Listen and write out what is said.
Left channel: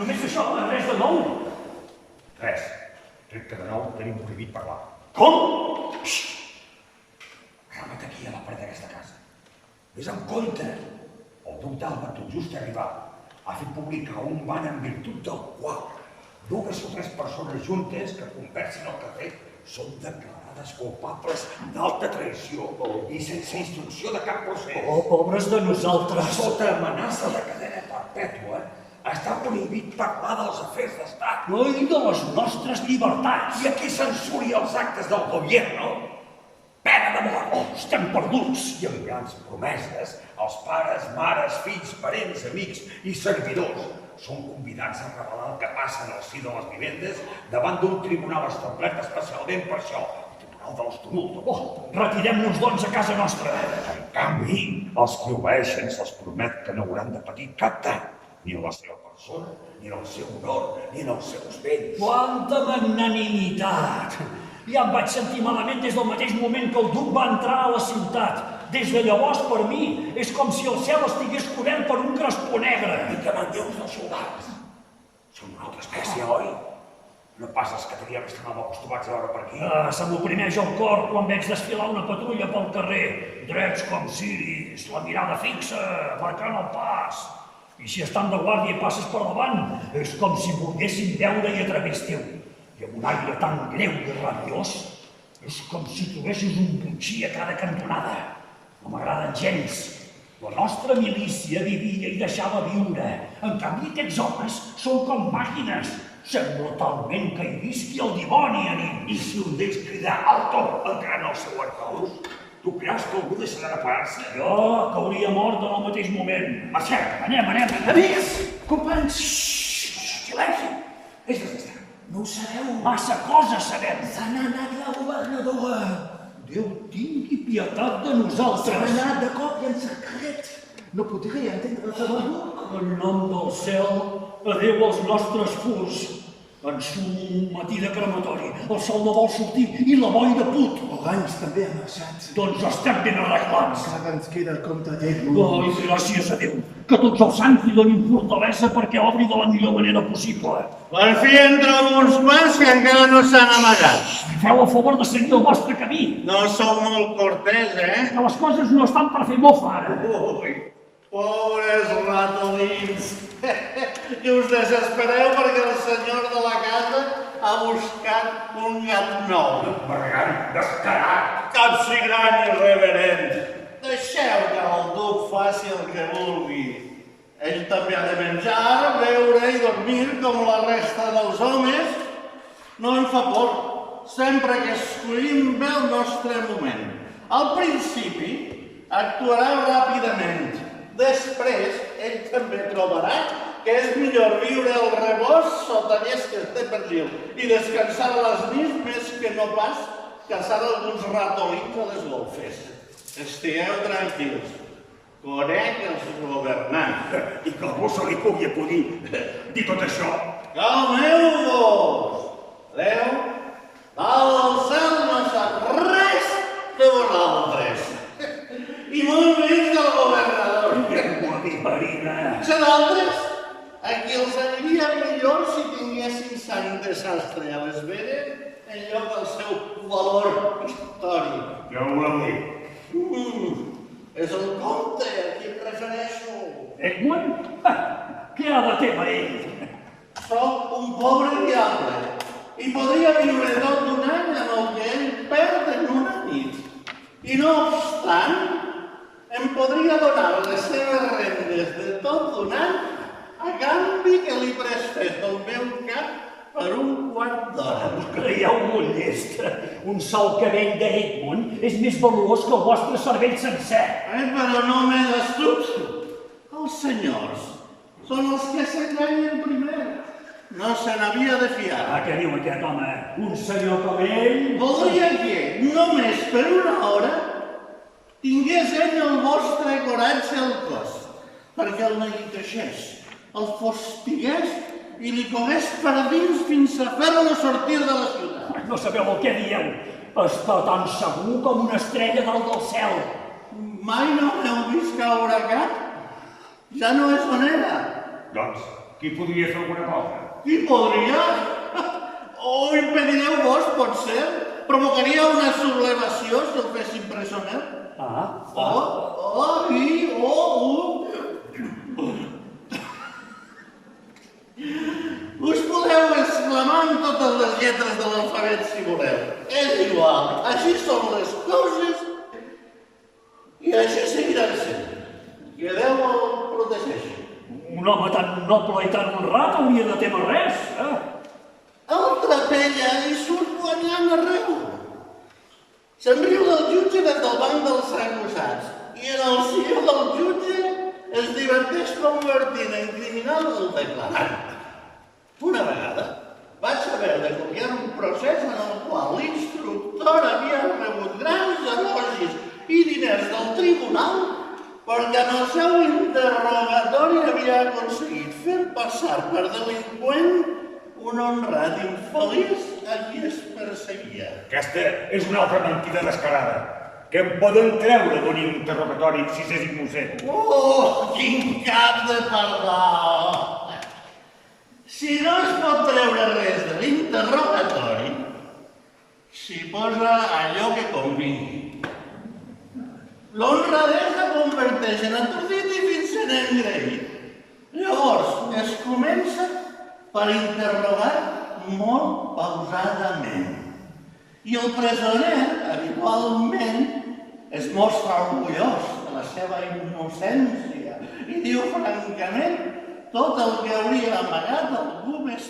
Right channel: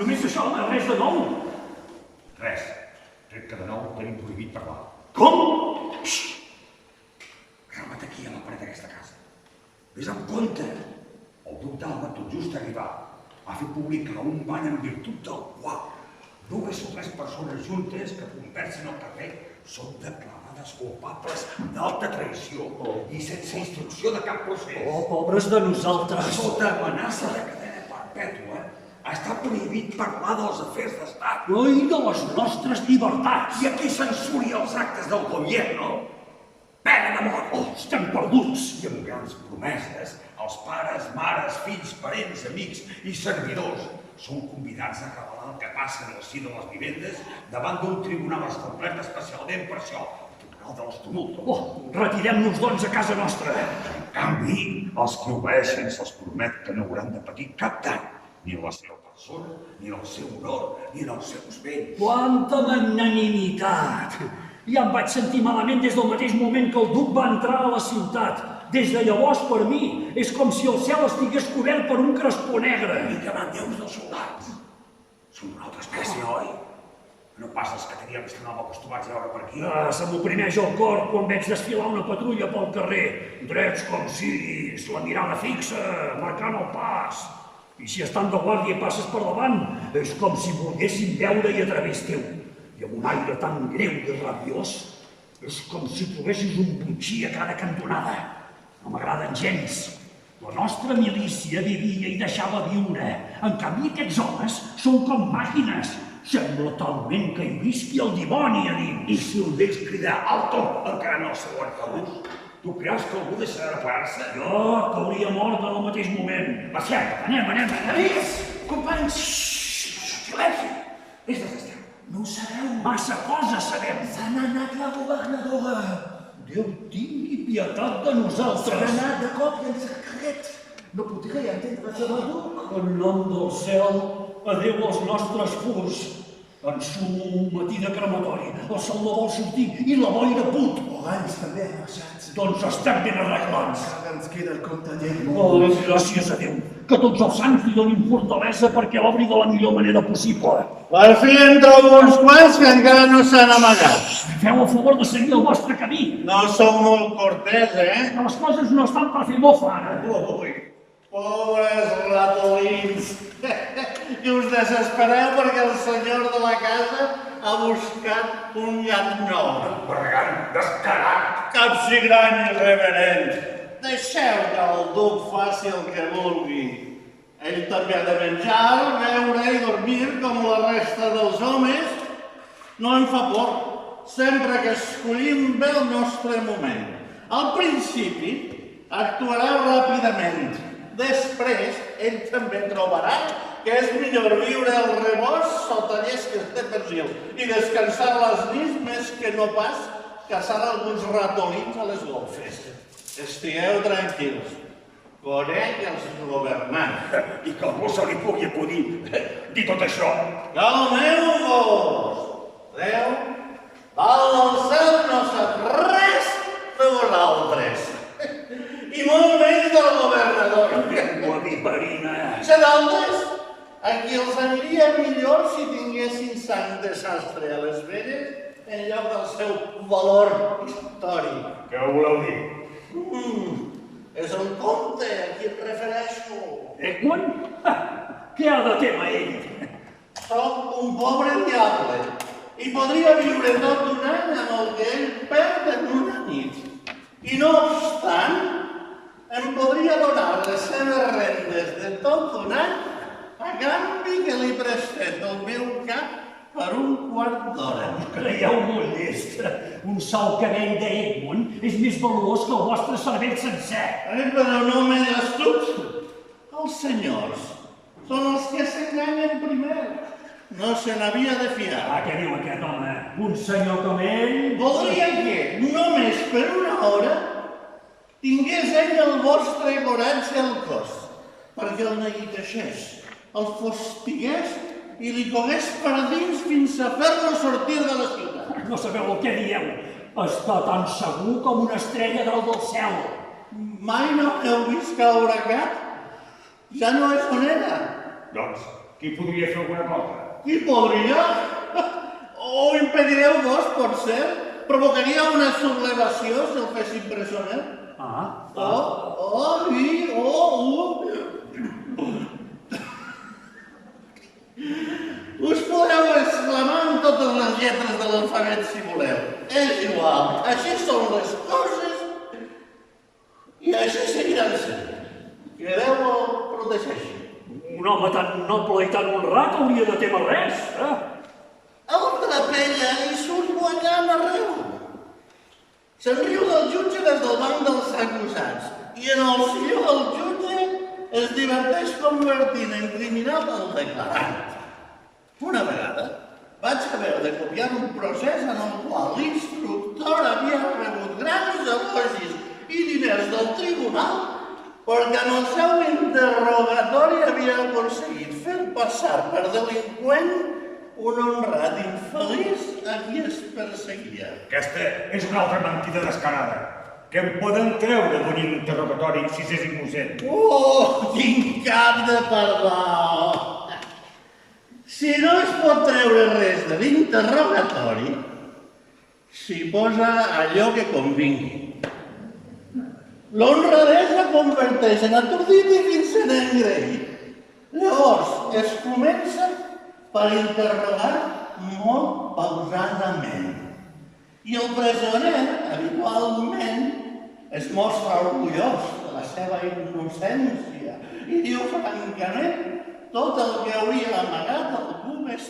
Només això, res de nou. Res. Tret que de nou tenim prohibit parlar. Com? Calma't aquí, a la paret d'aquesta casa. Ves amb compte. El duc d'Alba, tot just arribat, ha fet publicar un ban en virtut del qual 2 o 3 persones juntes que conversin al carrer són declarades culpables d'alta traïció i sense instrucció de cap procés. Oh, pobres de nosaltres. Sota amenaça de cadena perpètua, està prohibit parlar dels afers d'estat. I de les nostres llibertats. I a qui censuri els actes del gobierno? Pena de mort! Oh, estem perduts! I amb grans promeses, els pares, mares, fills, parents, amics i servidors són convidats a revelar el que passa en el si de les vivendes davant d'un tribunal establert especialment per això, el Tribunal dels Tumultos. Oh, retirem-nos, doncs, a casa nostra. En canvi, els que obeeixen se'ls promet que no hauran de patir cap dany, ni en la seva persona, ni en el seu honor, ni en els seus béns. Quanta magnanimitat! Ja em vaig sentir malament des del mateix moment que el duc va entrar a la ciutat. Des de llavors, per mi, és com si el cel estigués cobert per un crespó negre. I que manlleu dels soldats. Són d'una altra espècie, oi? No pas els que teníem que estar acostumats a veure per aquí. Se m'oprimeix el cor quan veig desfilar una patrulla pel carrer. Drets com ciris, la mirada fixa, marcant el pas. I si estan de guàrdia i passes per davant, és com si volguessin veure i a través teu. I amb un aire tan greu i rabiós, és com si trobessis un botxí a cada cantonada. No m'agraden gens. La nostra milícia vivia i deixava viure. En canvi, aquests homes són com màquines. Sembla talment que hi visqui el dimoni a nit. I si un d'ells cridar alto, encara no el seu arcaús, tu creus que algú deixarà de parar-se? Jo cauria mort en el mateix moment. Marxem, anem. Amics, companys, Silenci! És desestat. no ho sabeu. Massa coses sabem. Se n'ha anat la governadora. Déu tingui pietat de Se n'ha nosaltres. anat de cop i en secret. No podria entendre's amb el duc. En nom del cel, adéu als nostres furs. Ensumo un matí de crematori, el sol no vol sortir i la boira put. Oranys també ha marxat. Doncs estem ben arreglats. Encara ens queda el comte Lledmont. Ai, gràcies a Déu, que tots els sants li donin fortalesa perquè obri de la millor manera possible. Per fi entre alguns quants que encara no s'han amagat. Feu a favor de seguir el vostre camí, No som molt cortés, que les coses no estan per fer mofa ara. Ui, pobres ratolins. Que us desespereu perquè el senyor de la casa ha buscat un gat nou. Bergant, descarat! Capsigrany irreverent. Deixeu que el duc faci el que vulgui. Ell també ha de menjar, beure i dormir com la resta dels homes. No em fa por, sempre que escollim bé el nostre moment. Al principi actuarà ràpidament. Després, ell també trobarà que és millor viure el rebost sota llesques de persil i descansar les nits més que no pas caçar alguns ratolins a les golfes. Estigueu tranquils. Conec els governants. I que algú se li pugui acudir dir tot això. Calmeu-vos! Déu, dalt del cel no sap res de vosaltres. I molt menys del governador. Llengua viperina. Sé d'altres, a qui els aniria millor si tinguessin sang de sastre a les venes en lloc del seu valor històric. Què ho voleu dir? És el comte a qui em refereixo. Egmont? Què ha de tema ell? Soc un pobre diable i podria viure tot un any amb el que ell perd en una nit. I no obstant, em podria donar les seves rendes de tot un any a canvi que li prestés el meu cap per un quart d'hora. Creieu molt llest. Un sol cabell d'Egmont és més valuós que el vostre cervell sencer. Però no m'he d'astut. Els senyors són els que s'enganyen primer. No se n'havia de fiar. Què diu aquest home? Un senyor com ell? Voldria que, només per una hora, tingués ell el vostre coratge al cos, perquè el neguiteixés, el fostigués i li cogués per dins fins a fer-lo sortir de la ciutat. No sabeu el que dieu. Està tan segur com una estrella dalt del cel. Mai no l'heu vist caure cap? Ja no és on era. Doncs, Qui podria fer alguna cosa? Qui podria? O impedireu vos, potser? Provocaria una sublevació si el fessin presoner? Us podeu exclamar amb totes les lletres de l'alfabet si voleu. És igual, així són les coses i així seguiran sent. Que Déu el protegeixi. Un home tan noble i tan honrat hauria de temer res, eh? El trapella i surt guanyant arreu. Se'n riu del jutge des del banc dels acusats i en el silló del jutge es diverteix convertint en criminal el declarant. Una vegada vaig haver de copiar un procés en el qual l'instructor havia rebut grans elogis i diners del tribunal perquè en el seu interrogatori havia aconseguit fer passar per delinqüent un honrat infeliç a qui es perseguia. Aquesta és una altra mentida descarada. Què em poden treure d'un interrogatori si s'és innocent? Oh, quin cap de pardal! Si no es pot treure res de l'interrogatori, s'hi posa allò que convingui. L'honradesa converteix en atordit i fins en engreït. Llavors es comença per interrogar molt pausadament. I el presoner, habitualment, es mostra orgullós de la seva innocència i diu francament tot el que hauria amagat algú més